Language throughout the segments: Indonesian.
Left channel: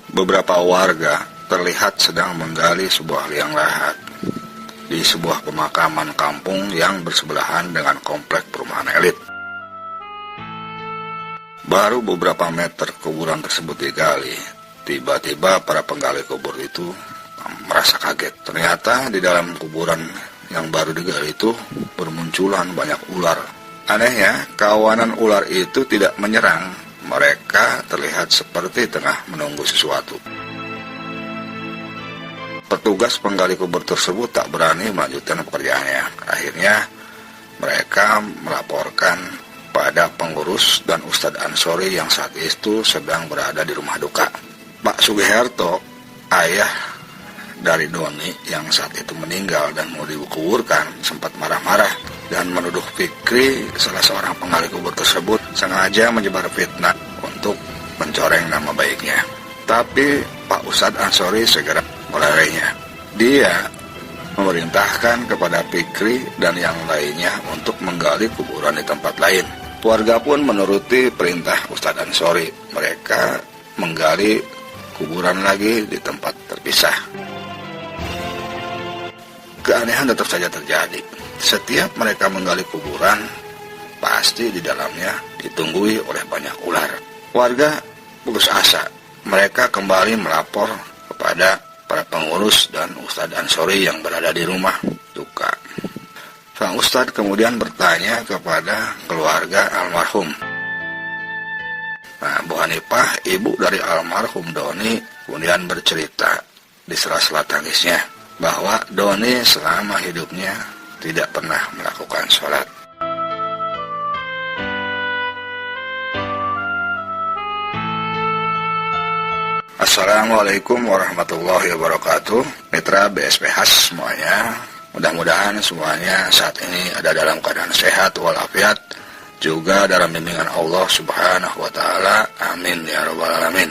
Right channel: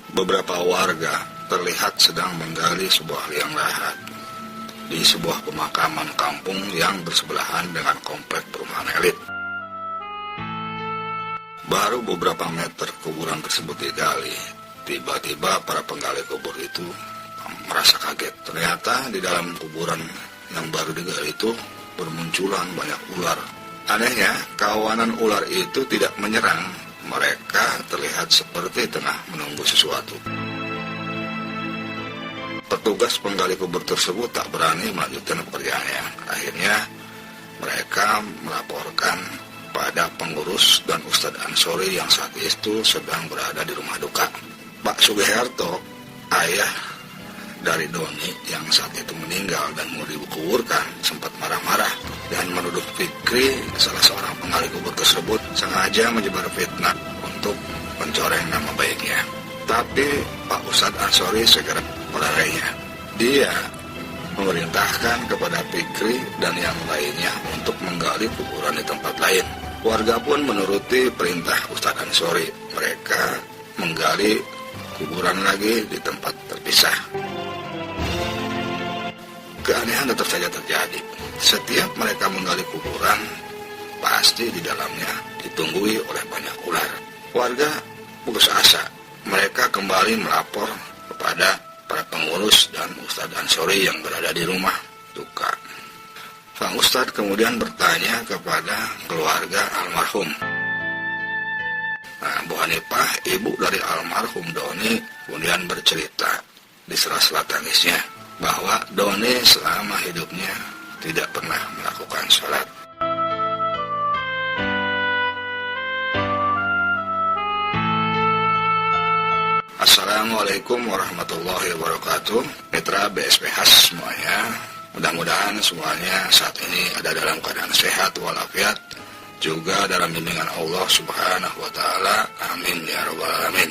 Beberapa warga terlihat sedang menggali sebuah liang lahat di sebuah pemakaman kampung yang bersebelahan dengan komplek perumahan elit. Baru beberapa meter kuburan tersebut digali, tiba-tiba para penggali kubur itu merasa kaget. Ternyata di dalam kuburan yang baru digali itu bermunculan banyak ular. Anehnya, kawanan ular itu tidak menyerang. Mereka terlihat seperti tengah menunggu sesuatu. Petugas penggali kubur tersebut tak berani melanjutkan pekerjaannya. Akhirnya mereka melaporkan pada pengurus dan Ustadz Ansori yang saat itu sedang berada di rumah duka. Pak Sugiharto, ayah dari Doni yang saat itu meninggal dan mau dikuburkan, sempat marah-marah dan menuduh Fikri, salah seorang penggali kubur tersebut, sengaja menyebar fitnah untuk mencoreng nama baiknya. Tapi Pak Ustadz Ansori segera melarainya. Dia memerintahkan kepada Fikri dan yang lainnya untuk menggali kuburan di tempat lain. Warga pun menuruti perintah Ustadz Ansori. Mereka menggali kuburan lagi di tempat terpisah. Keanehan tetap saja terjadi. Setiap mereka menggali kuburan, pasti di dalamnya ditunggui oleh banyak ular. Warga putus asa. Mereka kembali melapor kepada para pengurus dan Ustadz Ansori yang berada di rumah duka. Sang Ustadz kemudian bertanya kepada keluarga almarhum. Nah, Bu Hanifah, ibu dari almarhum Doni, kemudian bercerita di sela-sela tangisnya bahwa Doni selama hidupnya tidak pernah melakukan sholat. Assalamualaikum warahmatullahi wabarakatuh. Mitra BSPH semuanya, mudah-mudahan semuanya saat ini ada dalam keadaan sehat walafiat, juga dalam bimbingan Allah Subhanahu wa Ta'ala. Amin ya rabbal alamin.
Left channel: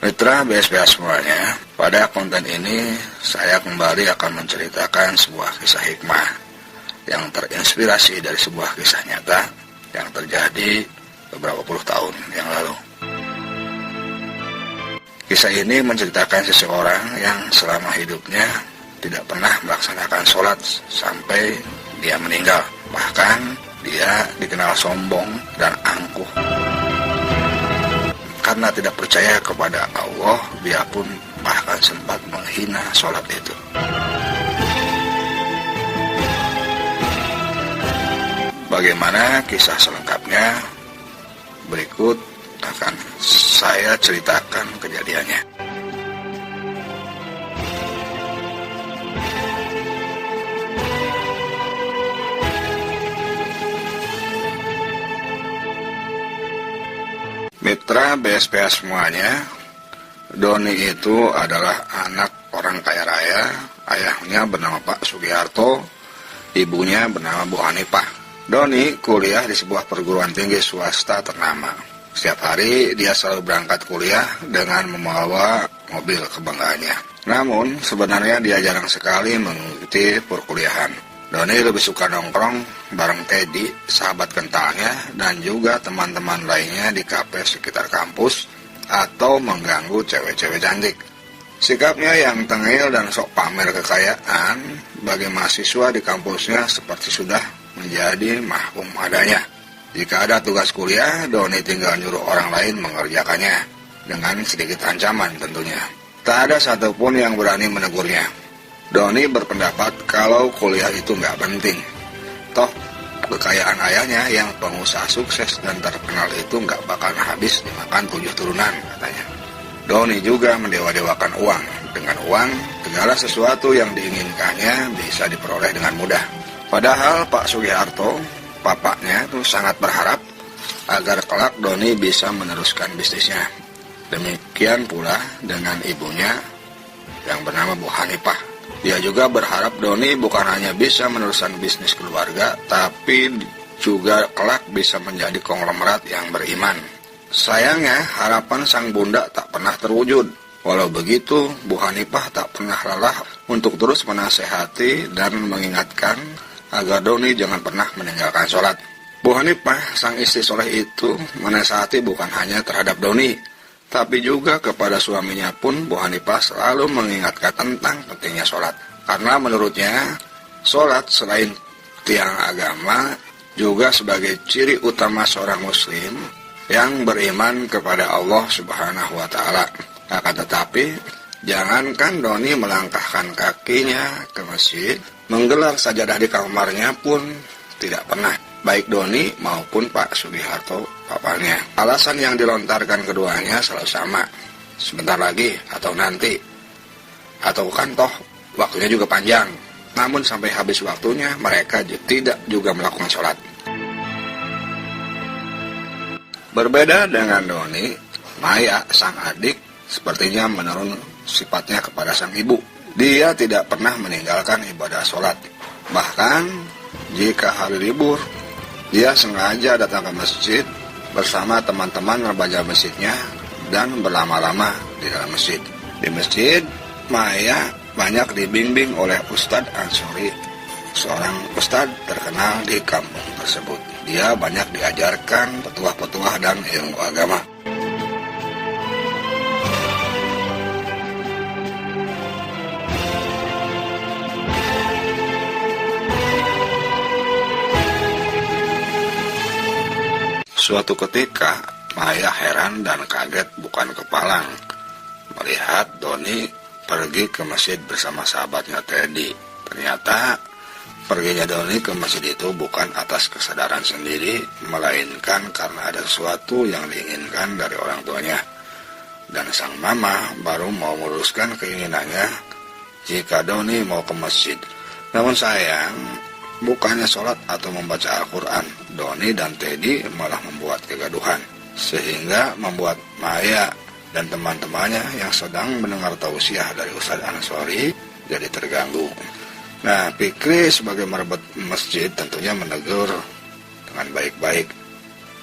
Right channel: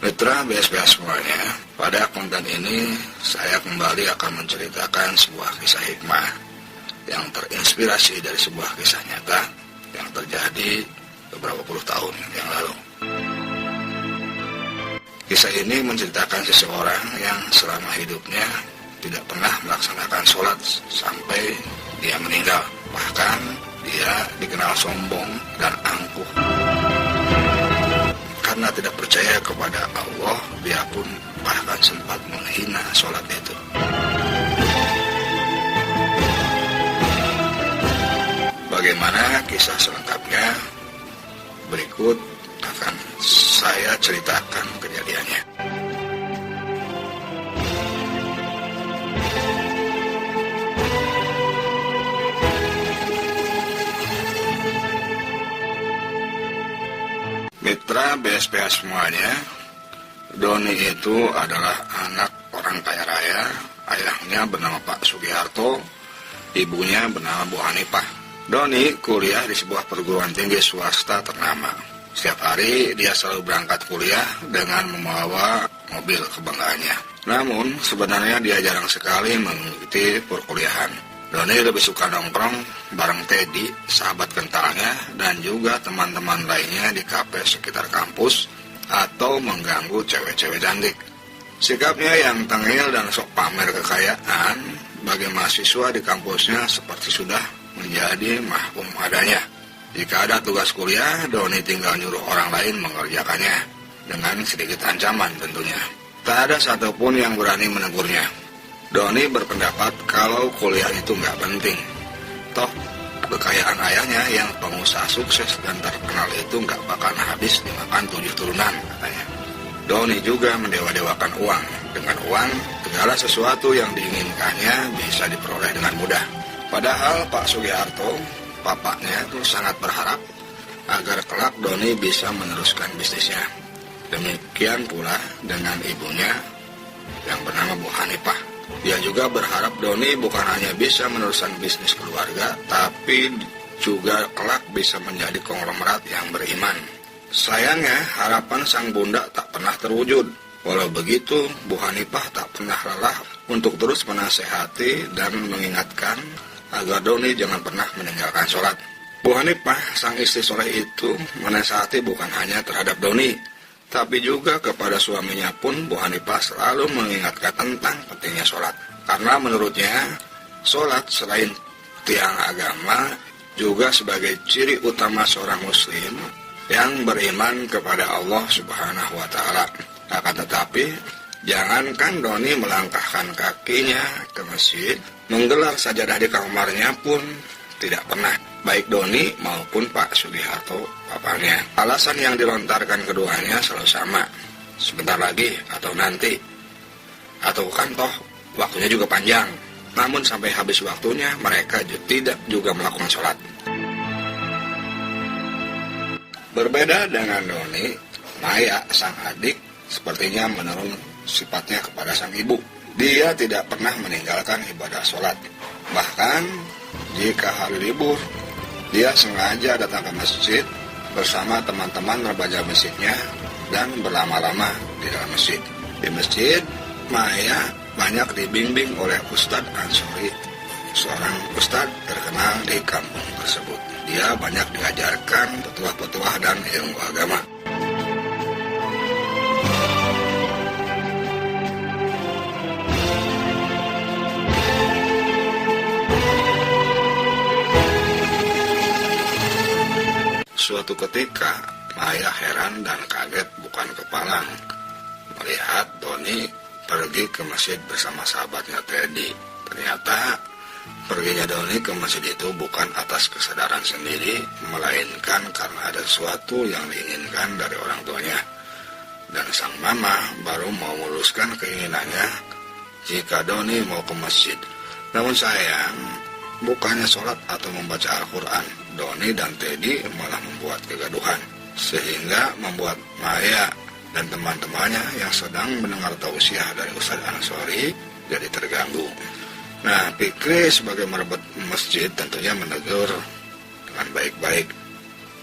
Mitra BSPH semuanya, pada konten ini saya kembali akan menceritakan sebuah kisah hikmah yang terinspirasi dari sebuah kisah nyata yang terjadi beberapa puluh tahun yang lalu. Kisah ini menceritakan seseorang yang selama hidupnya tidak pernah melaksanakan sholat sampai dia meninggal. Bahkan dia dikenal sombong dan angkuh. Karena tidak percaya kepada Allah, dia pun bahkan sempat menghina sholat itu. Bagaimana kisah selengkapnya? Berikut akan saya ceritakan kejadiannya. Mitra BSPH semuanya, Doni itu adalah anak orang kaya raya. Ayahnya bernama Pak Sugiharto, ibunya bernama Bu Hanifah. Doni kuliah di sebuah perguruan tinggi swasta ternama. Setiap hari dia selalu berangkat kuliah dengan membawa mobil kebanggaannya. Namun sebenarnya dia jarang sekali mengikuti perkuliahan. Doni lebih suka nongkrong bareng Teddy, sahabat kentalnya, dan juga teman-teman lainnya di kafe sekitar kampus atau mengganggu cewek-cewek cantik. Sikapnya yang tengil dan sok pamer kekayaan bagi mahasiswa di kampusnya seperti sudah menjadi mahkum adanya. Jika ada tugas kuliah, Doni tinggal nyuruh orang lain mengerjakannya dengan sedikit ancaman tentunya. Tak ada satupun yang berani menegurnya. Doni berpendapat kalau kuliah itu nggak penting. Toh, kekayaan ayahnya yang pengusaha sukses dan terkenal itu nggak bakal habis dimakan 7 turunan, katanya. Doni juga mendewa-dewakan uang. Dengan uang, segala sesuatu yang diinginkannya bisa diperoleh dengan mudah. Padahal Pak Sugiharto, bapaknya itu sangat berharap agar kelak Doni bisa meneruskan bisnisnya. Demikian pula dengan ibunya yang bernama Bu Hanifah. Dia juga berharap Doni bukan hanya bisa meneruskan bisnis keluarga, tapi juga kelak bisa menjadi konglomerat yang beriman. Sayangnya, harapan sang bunda tak pernah terwujud. Walau begitu, Bu Hanifah tak pernah lelah untuk terus menasehati dan mengingatkan agar Doni jangan pernah meninggalkan sholat. Bu Hanifah, sang istri soleh itu menasihati bukan hanya terhadap Doni, tapi juga kepada suaminya pun Bu Hanifah selalu mengingatkan tentang pentingnya sholat. Karena menurutnya, sholat selain tiang agama juga sebagai ciri utama seorang muslim yang beriman kepada Allah Subhanahu wa Ta'ala. Akan tetapi, jangankan Doni melangkahkan kakinya ke masjid, menggelar sajadah di kamarnya pun tidak pernah, baik Doni maupun Pak Sugiharto papanya. Alasan yang dilontarkan keduanya selalu sama, sebentar lagi atau nanti, atau kan toh waktunya juga panjang. Namun sampai habis waktunya mereka tidak juga melakukan sholat. Berbeda dengan Doni, Maya sang adik sepertinya menurun sifatnya kepada sang ibu. Dia tidak pernah meninggalkan ibadah sholat. Bahkan jika hari libur, dia sengaja datang ke masjid bersama teman-teman remaja masjidnya dan berlama-lama di dalam masjid. Di masjid, Maya banyak dibimbing oleh Ustadz Ansori, seorang ustadz terkenal di kampung tersebut. Dia banyak diajarkan petuah-petuah dan ilmu agama. Suatu ketika, Maya heran dan kaget bukan kepalang melihat Doni pergi ke masjid bersama sahabatnya Teddy. Ternyata perginya Doni ke masjid itu bukan atas kesadaran sendiri, melainkan karena ada sesuatu yang diinginkan dari orang tuanya. Dan sang mama baru mau meluruskan keinginannya jika Doni mau ke masjid. Namun sayang, bukannya sholat atau membaca Al-Quran, Doni dan Teddy malah membuat kegaduhan, sehingga membuat Maya dan teman-temannya yang sedang mendengar tausiah dari Ustadz Ansori jadi terganggu. Nah, Fikri sebagai marbot masjid tentunya menegur dengan baik-baik,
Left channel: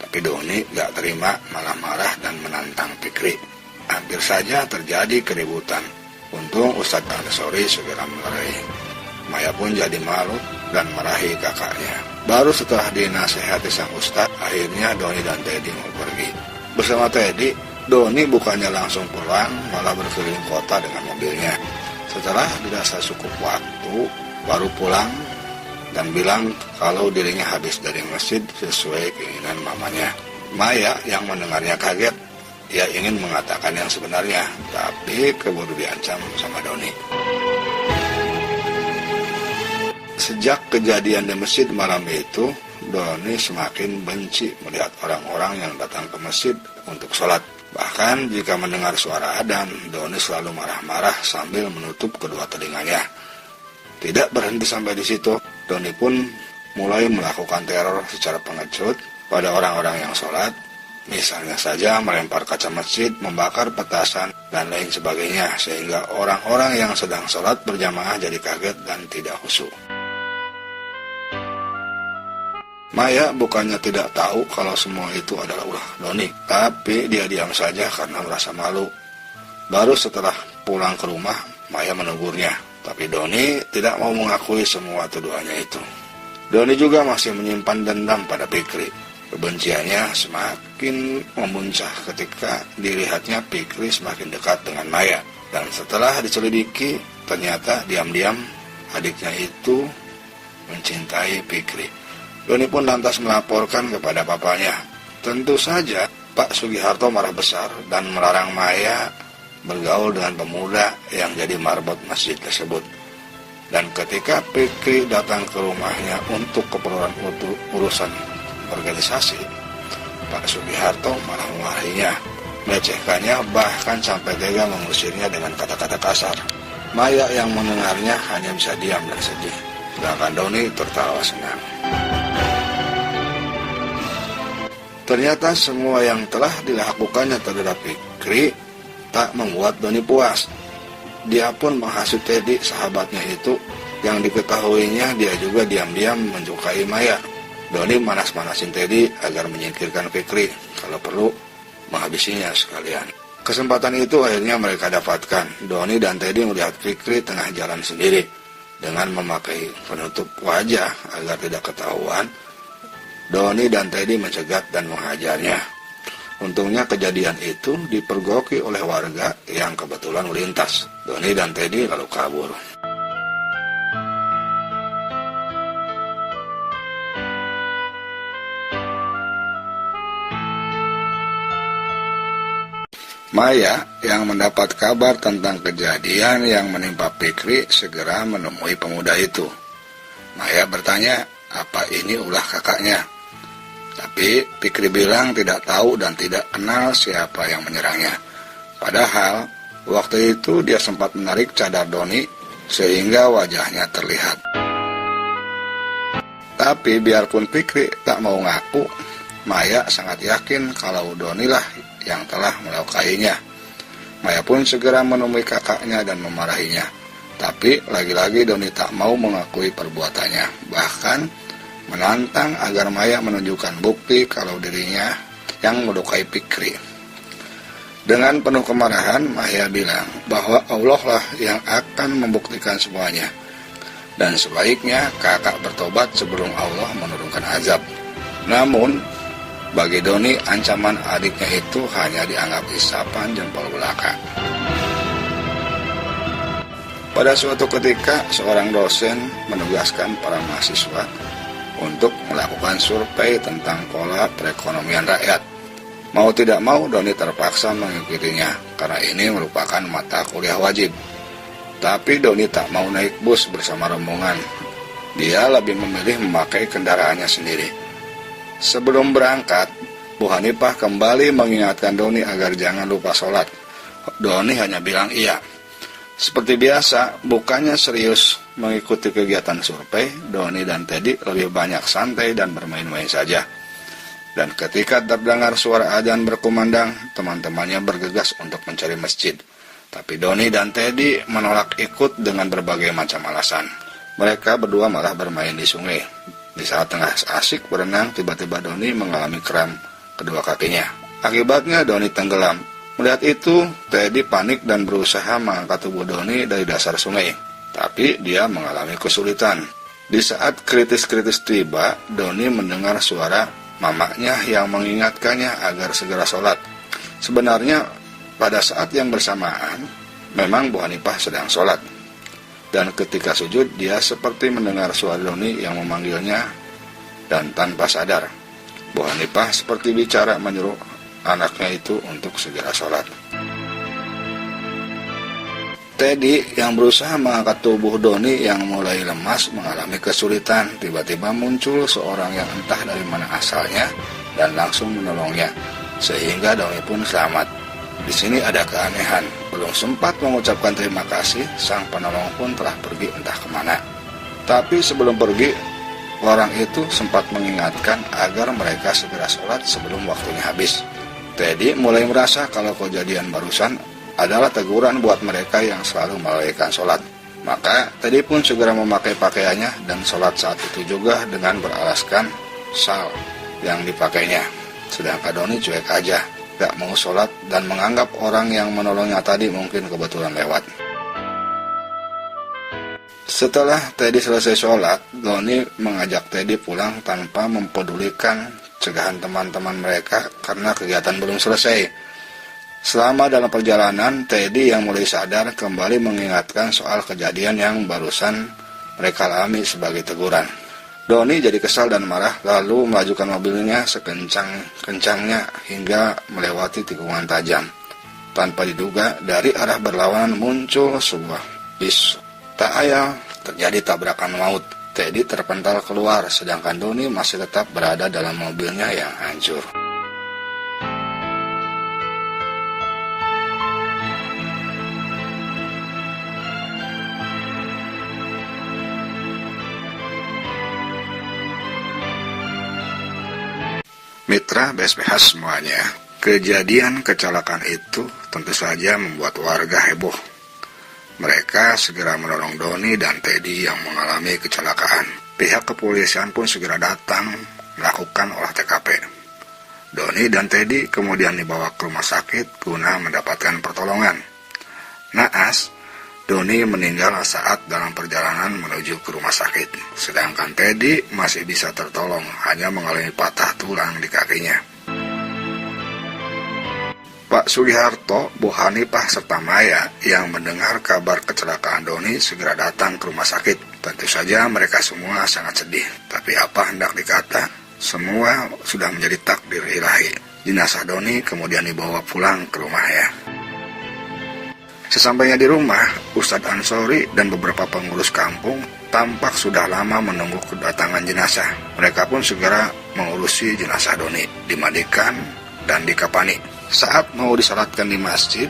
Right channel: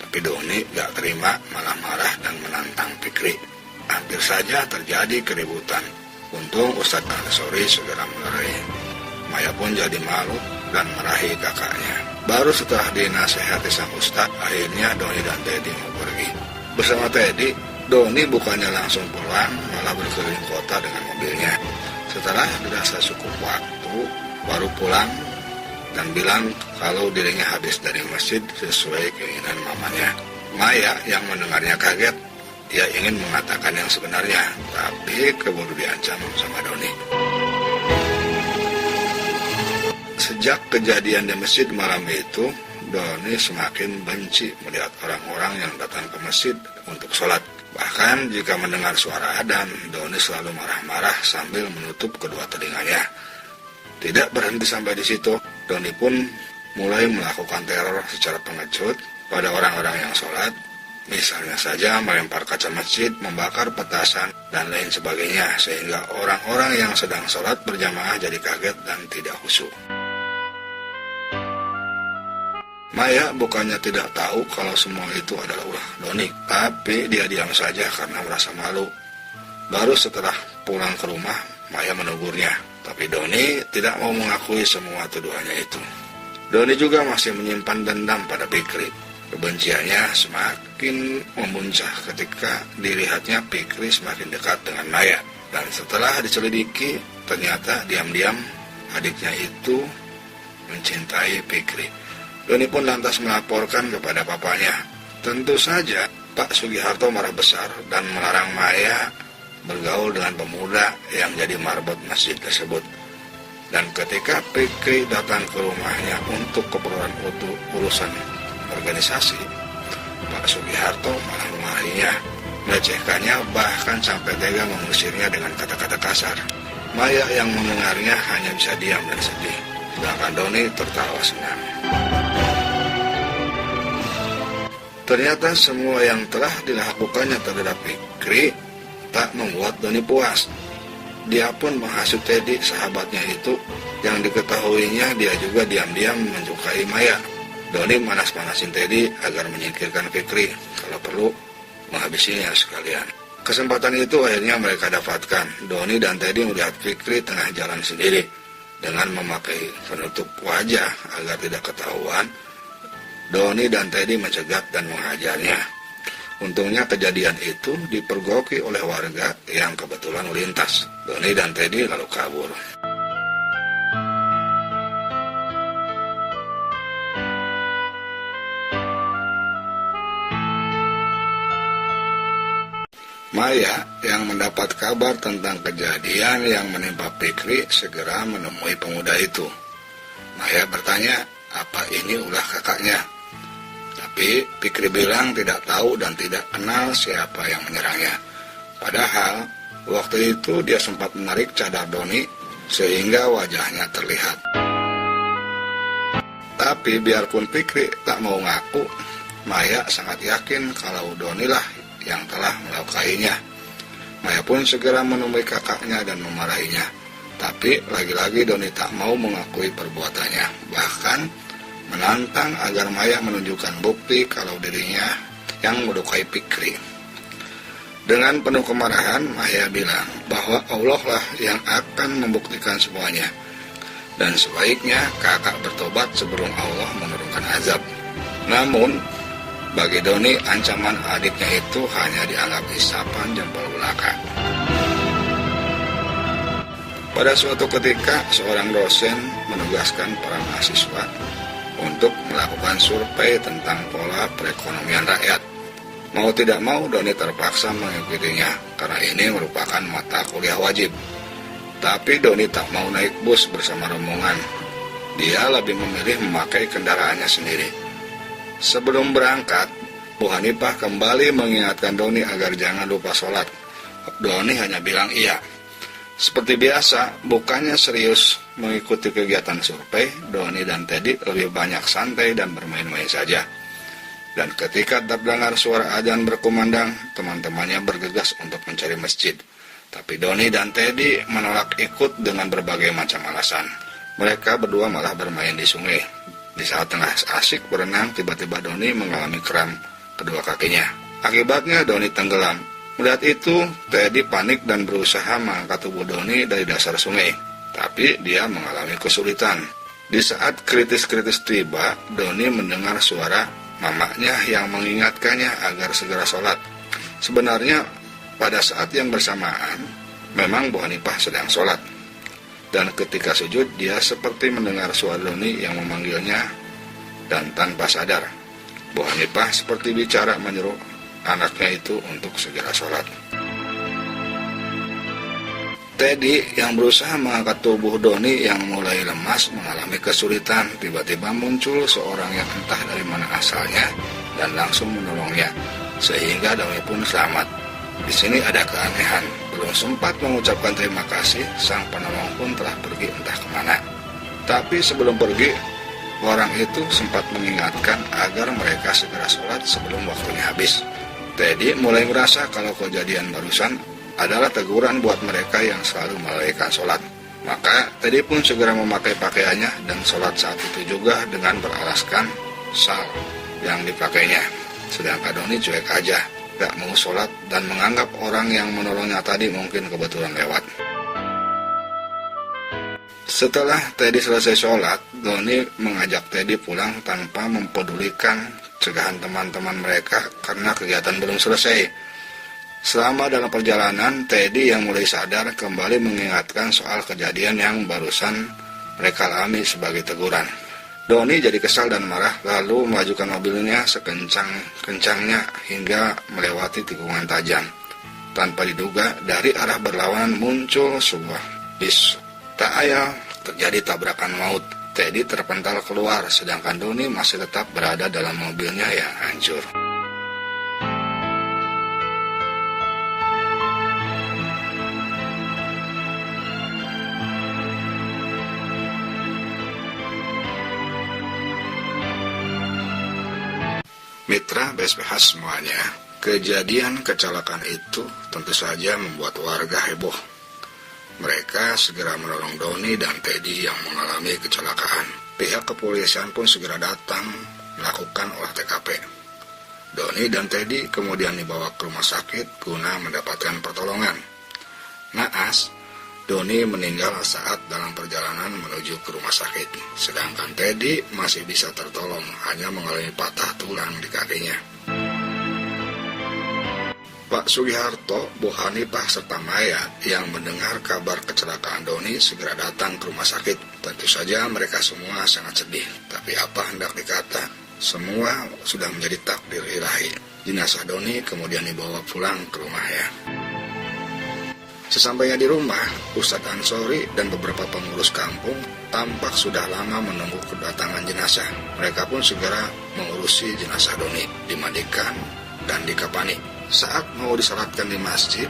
tapi Doni gak terima, malah marah dan menantang Fikri. Hampir saja terjadi keributan. Untung Ustadz Ansori segera melerai. Maya pun jadi malu dan marahi kakaknya. Baru setelah dinasehati sang ustadz, akhirnya Doni dan Teddy mau pergi. Bersama Teddy, Doni bukannya langsung pulang, malah berkeliling kota dengan mobilnya. Setelah dirasa cukup waktu, baru pulang dan bilang kalau dirinya habis dari masjid sesuai keinginan mamanya. Maya yang mendengarnya kaget, dia ingin mengatakan yang sebenarnya, tapi keburu diancam sama Doni. Sejak kejadian di masjid malam itu, Doni semakin benci melihat orang-orang yang datang ke masjid untuk sholat. Bahkan jika mendengar suara adzan, Doni selalu marah-marah sambil menutup kedua telinganya. Tidak berhenti sampai di situ, Doni pun mulai melakukan teror secara pengecut pada orang-orang yang sholat. Misalnya saja melempar kaca masjid, membakar petasan, dan lain sebagainya, sehingga orang-orang yang sedang sholat berjamaah jadi kaget dan tidak khusyuk. Maya bukannya tidak tahu kalau semua itu adalah ulah Doni, tapi dia diam saja karena merasa malu. Baru setelah pulang ke rumah, Maya menegurnya, tapi Doni tidak mau mengakui semua tuduhannya itu. Doni juga masih menyimpan dendam pada Fikri. Kebenciannya semakin memuncak ketika dilihatnya Fikri semakin dekat dengan Maya. Dan setelah diselidiki, ternyata diam-diam adiknya itu mencintai Fikri. Doni pun lantas melaporkan kepada papanya. Tentu saja Pak Sugiharto marah besar dan melarang Maya bergaul dengan pemuda yang jadi marbot masjid tersebut. Dan ketika Fikri datang ke rumahnya untuk keperluan urusan organisasi, Pak Sugiharto malah memarahinya, melecehkannya, bahkan sampai tega mengusirnya dengan kata-kata kasar. Maya yang mendengarnya hanya bisa diam dan sedih, sedangkan Doni tertawa senang. Ternyata semua yang telah dilakukannya terhadap Fikri tak membuat Doni puas. Dia pun menghasut Teddy, sahabatnya itu, yang diketahuinya dia juga diam-diam menyukai Maya. Doni manas-manasin Teddy agar menyingkirkan Fikri, kalau perlu menghabisinya sekalian. Kesempatan itu akhirnya mereka dapatkan. Doni dan Teddy melihat Fikri tengah jalan sendiri dengan memakai penutup wajah agar tidak ketahuan. Doni dan Teddy mencegat dan menghajarnya. Untungnya kejadian itu dipergoki oleh warga yang kebetulan melintas. Doni dan Teddy lalu kabur. Maya yang mendapat kabar tentang kejadian yang menimpa Fikri segera menemui pemuda itu. Maya bertanya, apa ini ulah kakaknya? Tapi Fikri bilang tidak tahu dan tidak kenal siapa yang menyerangnya. Padahal waktu itu dia sempat menarik cadar Doni sehingga wajahnya terlihat. Tapi biarpun Fikri tak mau ngaku, Maya sangat yakin kalau Doni lah yang telah melukainya. Maya pun segera menemui kakaknya dan memarahinya. Tapi lagi-lagi Doni tak mau mengakui perbuatannya. Bahkan menantang agar Maya menunjukkan bukti kalau dirinya yang melukai Fikri. Dengan penuh kemarahan, Maya bilang bahwa Allah lah yang akan membuktikan semuanya. Dan sebaiknya kakak bertobat sebelum Allah menurunkan azab. Namun bagi Doni, ancaman adiknya itu hanya dianggap isapan jempol belaka. Pada suatu ketika, seorang dosen menugaskan para mahasiswa untuk melakukan survei tentang pola perekonomian rakyat. Mau tidak mau, Doni terpaksa mengikutinya, karena ini merupakan mata kuliah wajib. Tapi Doni tak mau naik bus bersama rombongan. Dia lebih memilih memakai kendaraannya sendiri. Sebelum berangkat, Bu Hanifah kembali mengingatkan Doni agar jangan lupa sholat. Doni hanya bilang iya. Seperti biasa, bukannya serius mengikuti kegiatan survei, Doni dan Teddy lebih banyak santai dan bermain-main saja. Dan ketika terdengar suara azan berkumandang, teman-temannya bergegas untuk mencari masjid. Tapi Doni dan Teddy menolak ikut dengan berbagai macam alasan. Mereka berdua malah bermain di sungai. Di saat tengah asik berenang, tiba-tiba Doni mengalami kram kedua kakinya. Akibatnya Doni tenggelam. Melihat itu, Teddy panik dan berusaha mengangkat tubuh Doni dari dasar sungai. Tapi dia mengalami kesulitan. Di saat kritis-kritis tiba, Doni mendengar suara mamanya yang mengingatkannya agar segera sholat. Sebenarnya pada saat yang bersamaan, memang Bu Hanifah sedang sholat. Dan ketika sujud, dia seperti mendengar suara Doni yang memanggilnya, dan tanpa sadar, Bu Hanifah seperti bicara menyuruh anaknya itu untuk segera sholat. Teddy yang berusaha mengangkat tubuh Doni yang mulai lemas mengalami kesulitan. Tiba-tiba muncul seorang yang entah dari mana asalnya dan langsung menolongnya, sehingga Doni pun selamat. Di sini ada keanehan, belum sempat mengucapkan terima kasih, sang penolong pun telah pergi entah kemana. Tapi sebelum pergi, orang itu sempat mengingatkan agar mereka segera sholat sebelum waktunya habis. Teddy mulai merasa kalau kejadian barusan adalah teguran buat mereka yang selalu melalaikan sholat. Maka Teddy pun segera memakai pakaiannya dan sholat saat itu juga dengan beralaskan sal yang dipakainya. Sedangkan Doni cuek aja, gak mau sholat dan menganggap orang yang menolongnya tadi mungkin kebetulan lewat. Setelah Teddy selesai sholat, Doni mengajak Teddy pulang tanpa mempedulikan cegahan teman-teman mereka karena kegiatan belum selesai. Selama dalam perjalanan, Teddy yang mulai sadar kembali mengingatkan soal kejadian yang barusan mereka alami sebagai teguran. Doni jadi kesal dan marah, lalu melajukan mobilnya sekencang-kencangnya hingga melewati tikungan tajam. Tanpa diduga, dari arah berlawanan muncul sebuah bis. Tak ayal, terjadi tabrakan maut. Teddy terpental keluar, sedangkan Doni masih tetap berada dalam mobilnya yang hancur. Mitra BSPH semuanya, kejadian kecelakaan itu tentu saja membuat warga heboh. Mereka segera menolong Doni dan Teddy yang mengalami kecelakaan. Pihak kepolisian pun segera datang melakukan olah TKP. Doni dan Teddy kemudian dibawa ke rumah sakit guna mendapatkan pertolongan. Naas, Doni meninggal saat dalam perjalanan menuju ke rumah sakit. Sedangkan Teddy masih bisa tertolong, hanya mengalami patah tulang di kakinya. Pak Sugiharto, Bu Hanifah, serta Maya yang mendengar kabar kecelakaan Doni segera datang ke rumah sakit. Tentu saja mereka semua sangat sedih. Tapi apa hendak dikata, semua sudah menjadi takdir ilahi. Jenazah Doni kemudian dibawa pulang ke rumahnya. Sesampainya di rumah, Ustadz Ansori dan beberapa pengurus kampung tampak sudah lama menunggu kedatangan jenazah. Mereka pun segera mengurusi jenazah Doni, dimandikan dan dikafani. Saat mau disalatkan di masjid,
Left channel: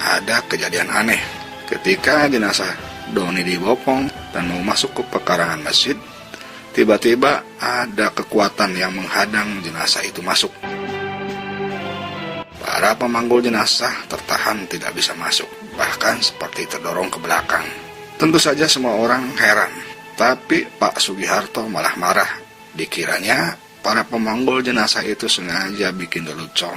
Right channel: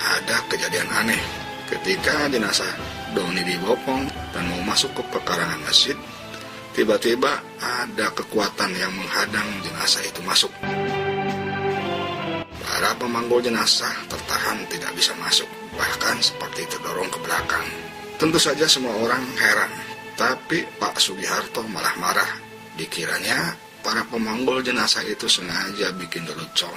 ada kejadian aneh. Ketika jenazah Doni dibopong dan mau masuk ke pekarangan masjid, tiba-tiba ada kekuatan yang menghadang jenazah itu masuk. Para pemanggul jenazah tertahan tidak bisa masuk, bahkan seperti terdorong ke belakang. Tentu saja semua orang heran, tapi Pak Sugiharto malah marah. Dikiranya para pemanggul jenazah itu sengaja bikin lelucon,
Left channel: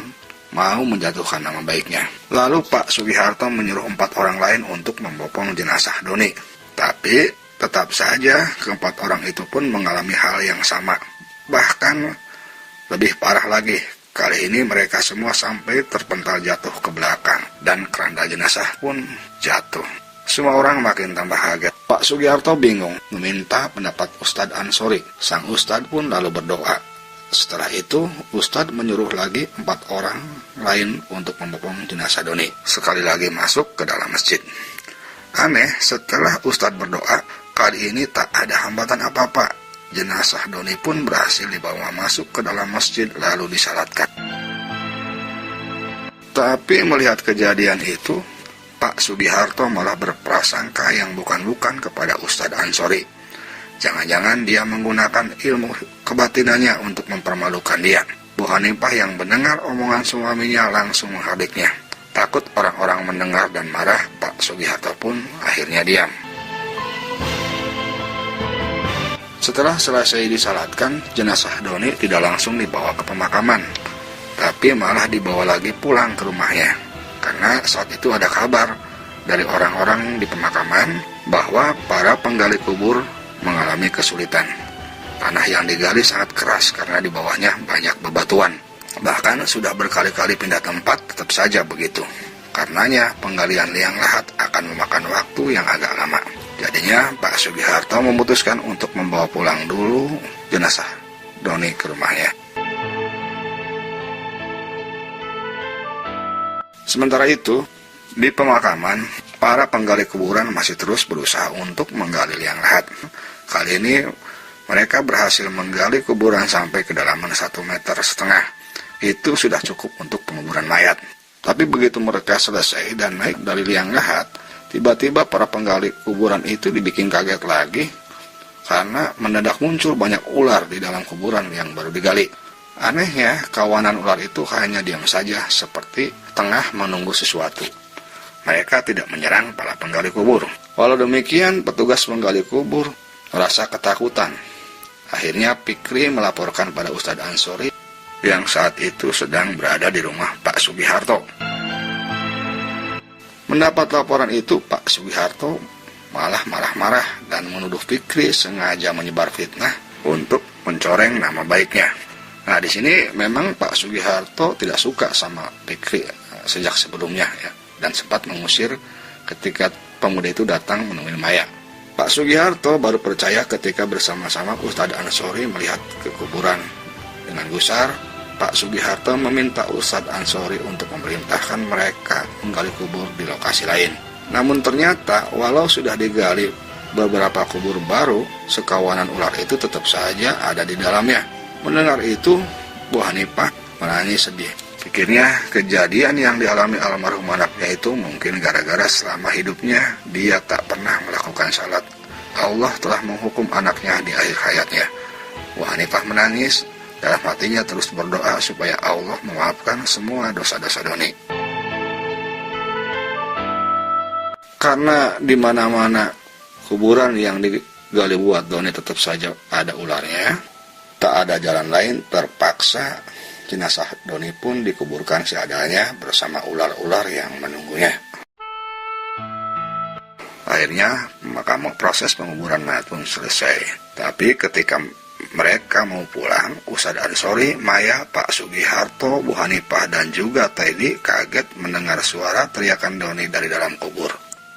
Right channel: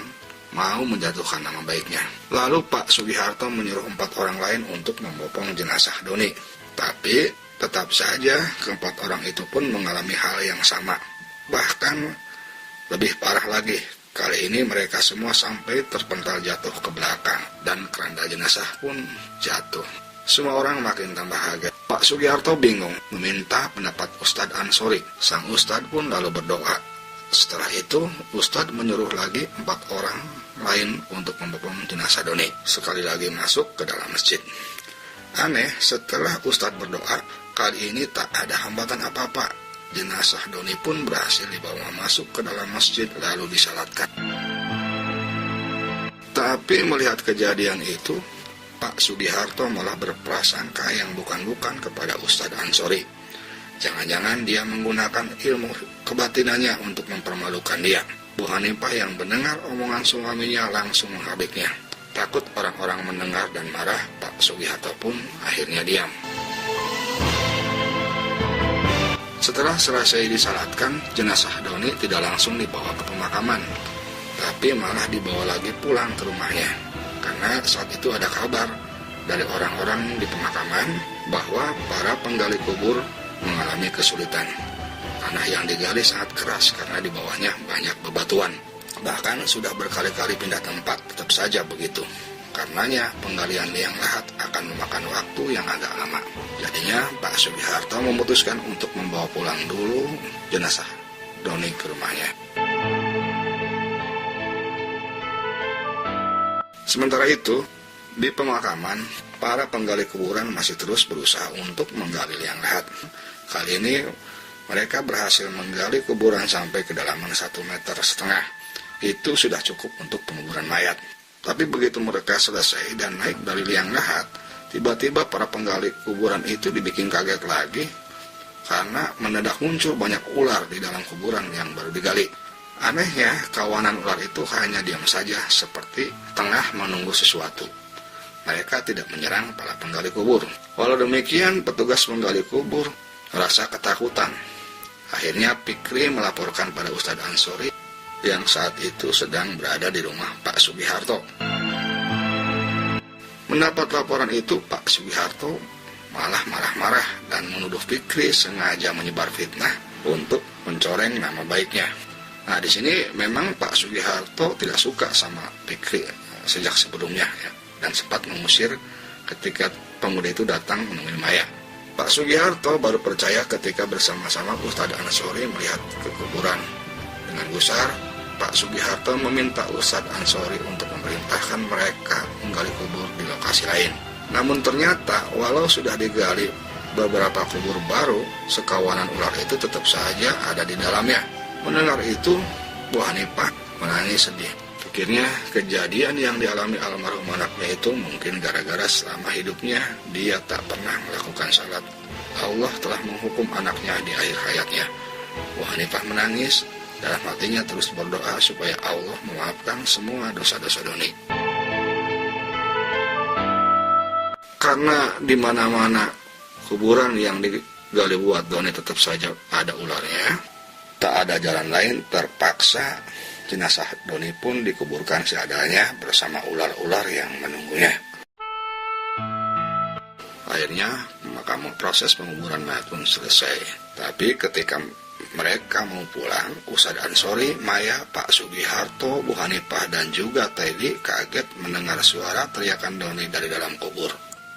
mau menjatuhkan nama baiknya. Lalu Pak Sugiharto menyuruh 4 orang lain untuk membopong jenazah Doni. Tapi tetap saja keempat orang itu pun mengalami hal yang sama. Bahkan lebih parah lagi, kali ini mereka semua sampai terpental jatuh ke belakang dan keranda jenazah pun jatuh. Semua orang makin tambah kaget. Pak Sugiharto bingung, meminta pendapat Ustadz Ansori. Sang Ustadz pun lalu berdoa. Setelah itu, Ustadz menyuruh lagi 4 orang lain untuk membopong jenazah Doni. Sekali lagi masuk ke dalam masjid. Aneh, setelah Ustadz berdoa, kali ini tak ada hambatan apa-apa. Jenazah Doni pun berhasil dibawa masuk ke dalam masjid lalu disalatkan. Tapi melihat kejadian itu, Pak Sugiharto malah berprasangka yang bukan-bukan kepada Ustadz Ansori. Jangan-jangan dia menggunakan ilmu kebatinannya untuk mempermalukan dia. Bu Hanifah yang mendengar omongan suaminya langsung menghadiknya. Takut orang-orang mendengar dan marah, Pak Sugiharto pun akhirnya diam. Setelah selesai disalatkan, jenazah Doni tidak langsung dibawa ke pemakaman, tapi malah dibawa lagi pulang ke rumahnya. Karena saat itu ada kabar dari orang-orang di pemakaman bahwa para penggali kubur mengalami kesulitan. Tanah yang digali sangat keras karena di bawahnya banyak bebatuan. Bahkan sudah berkali-kali pindah tempat, tetap saja begitu. Karenanya penggalian liang lahat akan memakan waktu yang agak lama. Jadinya Pak Sugiharto memutuskan untuk membawa pulang dulu jenazah Doni ke rumahnya. Sementara itu, di pemakaman, para penggali kuburan masih terus berusaha untuk menggali liang lahat. Kali ini mereka berhasil menggali kuburan sampai kedalaman 1,5 meter. Itu sudah cukup untuk penguburan mayat. Tapi begitu mereka selesai dan naik dari liang lahat, tiba-tiba para penggali kuburan itu dibikin kaget lagi karena mendadak muncul banyak ular di dalam kuburan yang baru digali. Anehnya, kawanan ular itu hanya diam saja seperti tengah menunggu sesuatu. Mereka tidak menyerang para penggali kubur. Walau demikian, petugas penggali kubur merasa ketakutan. Akhirnya Fikri melaporkan pada Ustadz Ansori yang saat itu sedang berada di rumah Pak Sugiharto. Mendapat laporan itu, Pak Sugiharto malah marah-marah dan menuduh Fikri sengaja menyebar fitnah untuk mencoreng nama baiknya. Nah, di sini memang Pak Sugiharto tidak suka sama Fikri sejak sebelumnya ya, dan sempat mengusir ketika pemuda itu datang menemui Maya. Pak Sugiharto baru percaya ketika bersama-sama Ustadz Ansori melihat ke kuburan. Dengan gusar, Pak Sugiharto meminta Ustadz Ansori untuk memerintahkan mereka menggali kubur di lokasi lain. Namun ternyata walau sudah digali beberapa kubur baru, sekawanan ular itu tetap saja ada di dalamnya. Mendengar itu, Bu Hanifah menangis sedih. Pikirnya kejadian yang dialami almarhum anaknya itu mungkin gara-gara selama hidupnya dia tak pernah melakukan salat. Allah telah menghukum anaknya di akhir hayatnya. Bu Hanifah menangis, dalam hatinya terus berdoa supaya Allah memaafkan semua dosa-dosa Doni. Karena di mana-mana kuburan yang digali buat Doni tetap saja ada ularnya, tak ada jalan lain, terpaksa jenazah Doni pun dikuburkan seadanya bersama ular-ular yang menunggunya. Akhirnya proses penguburan mayat pun selesai. Tapi ketika mereka mau pulang, Ustadz Ansori, Maya, Pak Sugiharto, Bu Hanifah, dan juga Teddy kaget mendengar suara teriakan Doni dari dalam kubur.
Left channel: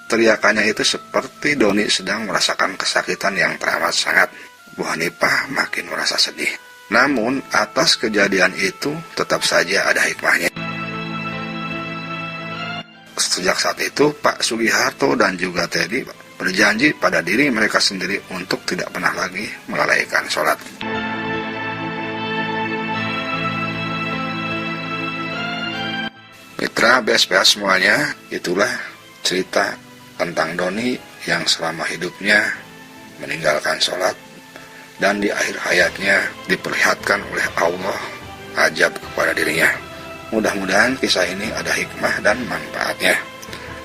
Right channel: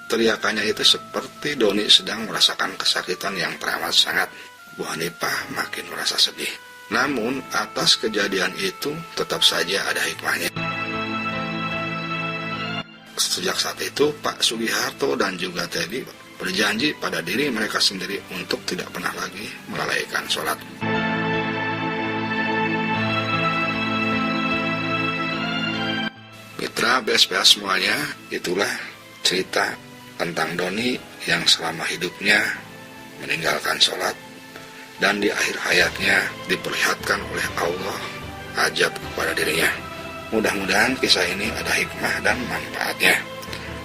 Teriakannya itu seperti Doni sedang merasakan kesakitan yang teramat sangat. Bu Hanifah makin merasa sedih. Namun atas kejadian itu tetap saja ada hikmahnya. Sejak saat itu Pak Sugiharto dan juga Teddy berjanji pada diri mereka sendiri untuk tidak pernah lagi melalaikan sholat. Mitra BSPA semuanya, itulah cerita tentang Doni yang selama hidupnya meninggalkan sholat dan di akhir hayatnya diperlihatkan oleh Allah ajab kepada dirinya. Mudah-mudahan kisah ini ada hikmah dan manfaatnya.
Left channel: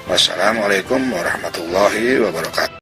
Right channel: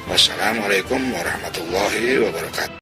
Wassalamualaikum warahmatullahi wabarakatuh.